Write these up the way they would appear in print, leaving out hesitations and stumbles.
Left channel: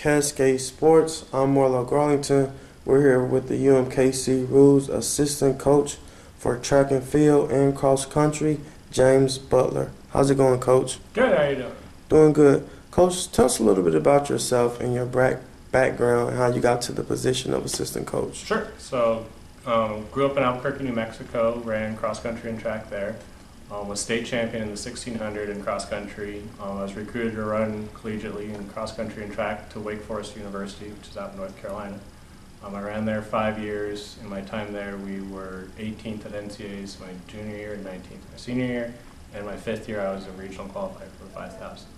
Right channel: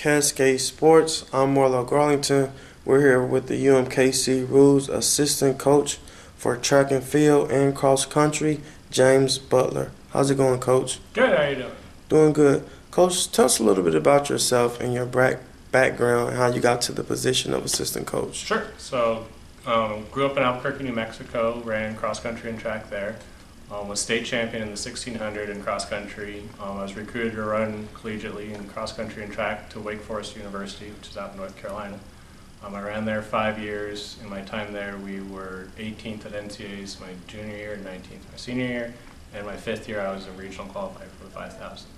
Cascade Sports. I'm Marlo Garlington. We're here with the UMKC Rules Assistant Coach for Track and Field and Cross Country, James Butler. How's it going, Coach? Good, how you doing? Doing good. Coach, tell us a little bit about yourself and your background and how you got to the position of assistant coach. Sure. So, grew up in Albuquerque, New Mexico, ran cross country and track there. Was state champion in the 1600 in cross country. I was recruited to run collegiately in cross country and track to Wake Forest University, which is out in North Carolina. I ran there 5 years. In my time there, we were 18th at NCAAs my junior year and 19th my senior year. And my 5th year, I was a regional qualifier for the 5,000.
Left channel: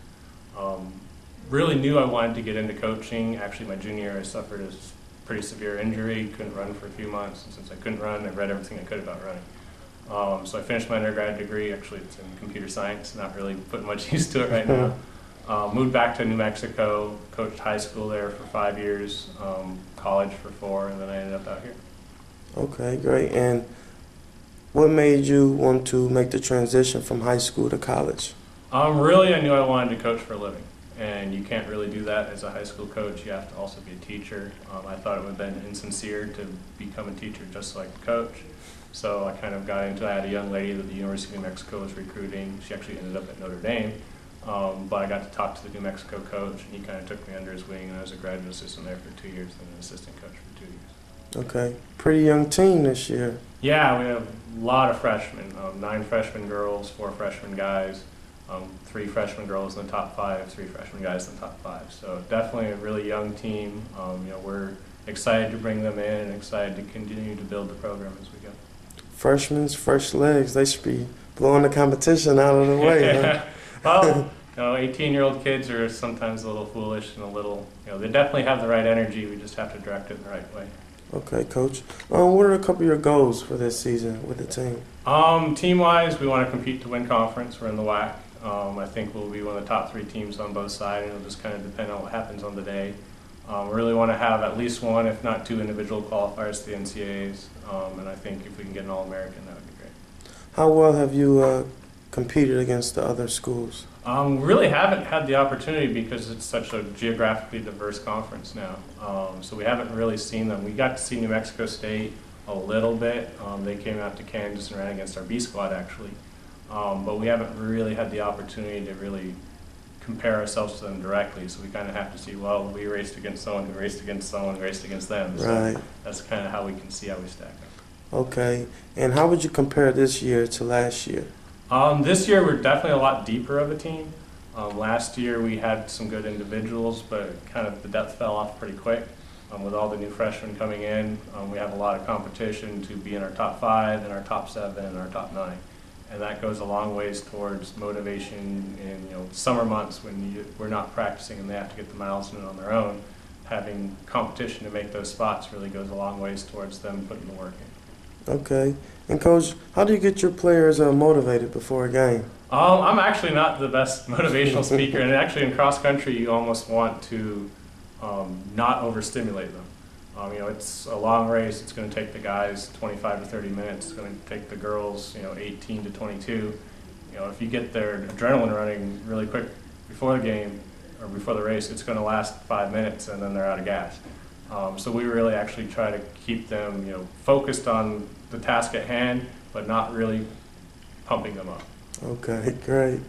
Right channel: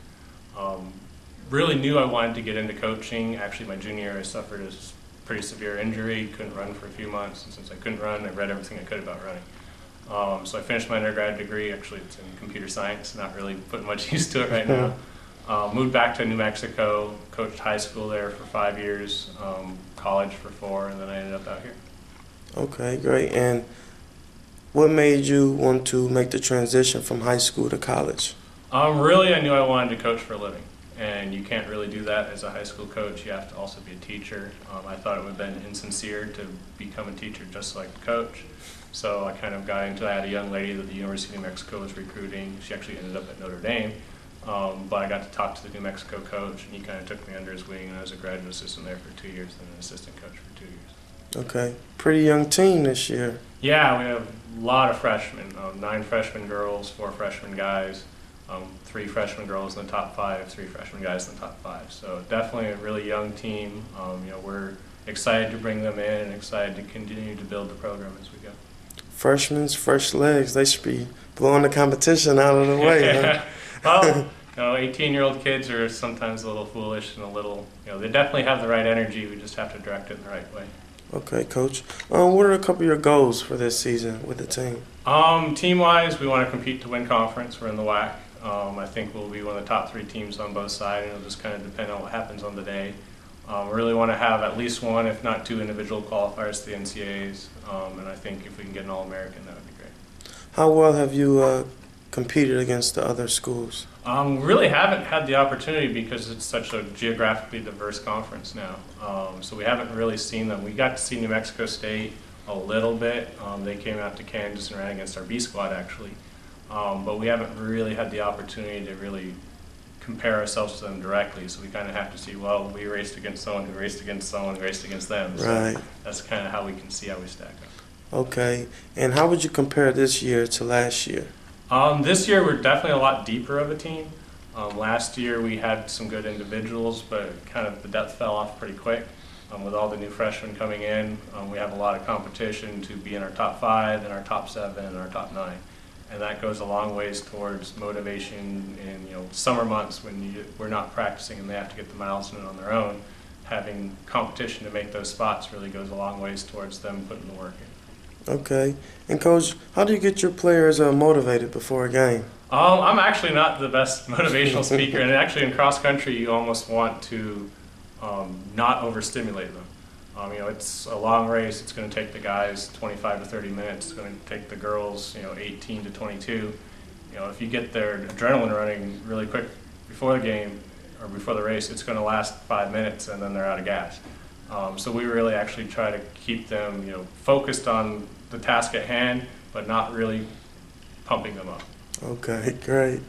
Really knew I wanted to get into coaching. Actually, my junior year, I suffered a pretty severe injury, couldn't run for a few months. And since I couldn't run, I read everything I could about running. So I finished my undergrad degree. Actually, it's in computer science, not really putting much use to it right now. Moved back to New Mexico, coached high school there for 5 years, college for 4, and then I ended up out here. Okay, great. And what made you want to make the transition from high school to college? Really, I knew I wanted to coach for a living. And you can't really do that as a high school coach. You have to also be a teacher. I thought it would have been insincere to become a teacher just so I could coach. So I kind of got into it. I had a young lady that the University of New Mexico was recruiting. She actually ended up at Notre Dame. But I got to talk to the New Mexico coach, and he kind of took me under his wing, and I was a graduate assistant there for 2 years, then an assistant coach for 2 years. Okay. Pretty young team this year. Yeah, we have a lot of freshmen, 9 freshman girls, 4 freshman guys. 3 freshman girls in the top 5, 3 freshman guys in the top 5. So definitely a really young team. We're excited to bring them in and excited to continue to build the program as we go. Freshmen's fresh legs. They should be blowing the competition out of the way. Huh? Well, 18-year-old kids are sometimes a little foolish and a little, they definitely have the right energy. We just have to direct it in the right way. Okay, Coach. What are a couple of your goals for this season with the team? Team-wise, we want to compete to win conference. We're in the WAC. I think we'll be one of the top 3 teams on both sides, and it'll just kind of depend on what happens on the day. We really want to have at least 1, if not 2, individual qualifiers to the NCAAs, and I think if we can get an All-American, that would be great. How well have you competed against the other schools? Really haven't had the opportunity because it's such a geographically diverse conference now. So we haven't really seen them. We got to see New Mexico State a little bit. They came out to Kansas and ran against our B squad actually. But we haven't really had the opportunity to really compare ourselves to them directly. So we kind of have to see, well, we raced against someone who raced against someone who raced against them. So right. That's kind of how we can see how we stack up. Okay. And how would you compare this year to last year? This year we're definitely a lot deeper of a team. Last year we had some good individuals, but kind of the depth fell off pretty quick. With all the new freshmen coming in, we have a lot of competition to be in our top 5 and our top 7 and our top 9. And that goes a long ways towards motivation in summer months when we're not practicing and they have to get the miles in on their own. Having competition to make those spots really goes a long ways towards them putting the work in. Okay. And Coach, how do you get your players motivated before a game? I'm actually not the best motivational speaker, and actually in cross country you almost want to not overstimulate them. It's a long race. It's going to take the guys 25 to 30 minutes. It's going to take the girls, 18 to 22. If you get their adrenaline running really quick before the game or before the race, it's going to last 5 minutes and then they're out of gas. So we really actually try to keep them, focused on the task at hand, but not really pumping them up. Okay, great.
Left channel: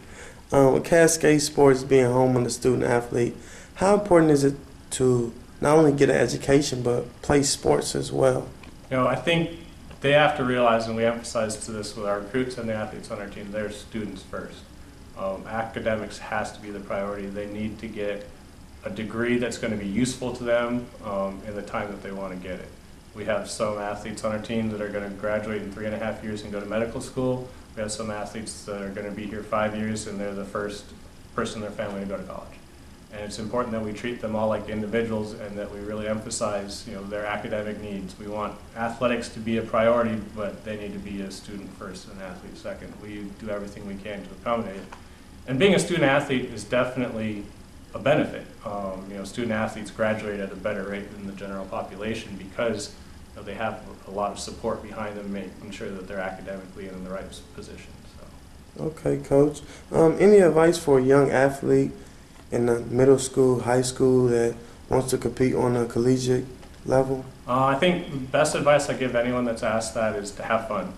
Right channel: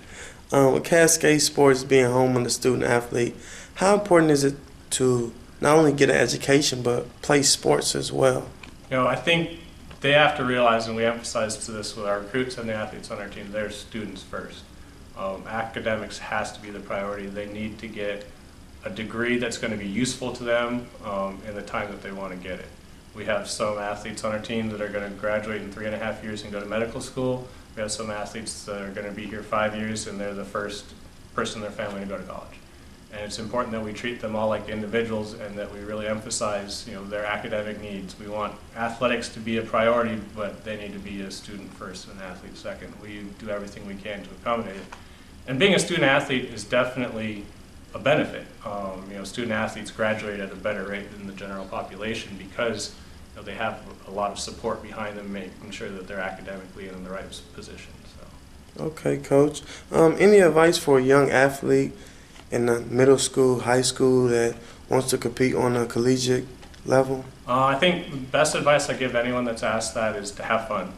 With Cascade Sports being home on the student athlete, how important is it to not only get an education, but play sports as well? I think they have to realize, and we emphasize to this with our recruits and the athletes on our team, they're students first. Academics has to be the priority. They need to get a degree that's going to be useful to them in the time that they want to get it. We have some athletes on our team that are going to graduate in 3.5 years and go to medical school. We have some athletes that are going to be here 5 years and they're the first person in their family to go to college. And it's important that we treat them all like individuals and that we really emphasize, their academic needs. We want athletics to be a priority, but they need to be a student first and an athlete second. We do everything we can to accommodate it. And being a student athlete is definitely a benefit. Student athletes graduate at a better rate than the general population because they have a lot of support behind them, making sure that they're academically in the right position. So. Okay, Coach. Any advice for a young athlete in the middle school, high school that wants to compete on a collegiate level? I think the best advice I give anyone that's asked that is to have fun.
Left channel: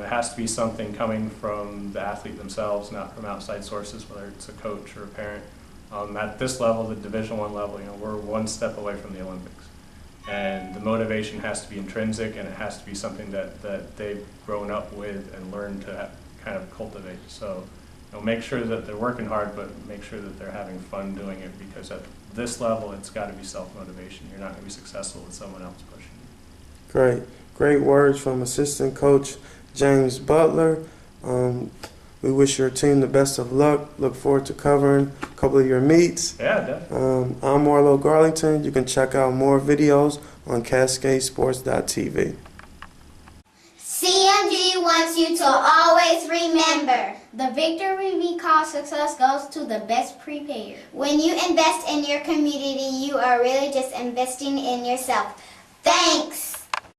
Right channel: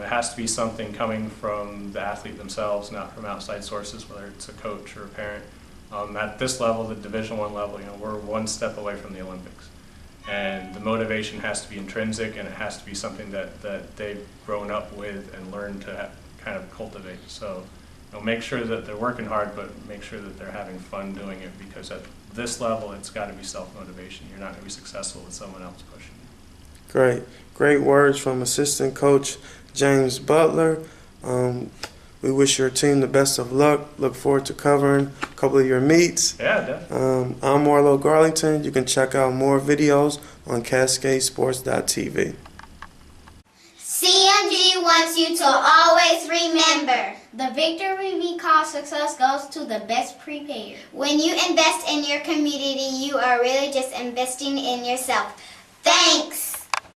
It has to be something coming from the athlete themselves, not from outside sources, whether it's a coach or a parent. At this level, the Division I level, we're one step away from the Olympics. And the motivation has to be intrinsic, and it has to be something that they've grown up with and learned to kind of cultivate. So make sure that they're working hard, but make sure that they're having fun doing it, because at this level, it's got to be self-motivation. You're not going to be successful with someone else pushing you. Great words from assistant coach James Butler. We wish your team the best of luck. Look forward to covering a couple of your meets. Yeah, definitely. I'm Marlo Garlington. You can check out more videos on CascadeSports.tv. CMG wants you to always remember, the victory we call success goes to the best prepared. When you invest in your community, you are really just investing in yourself. Thanks.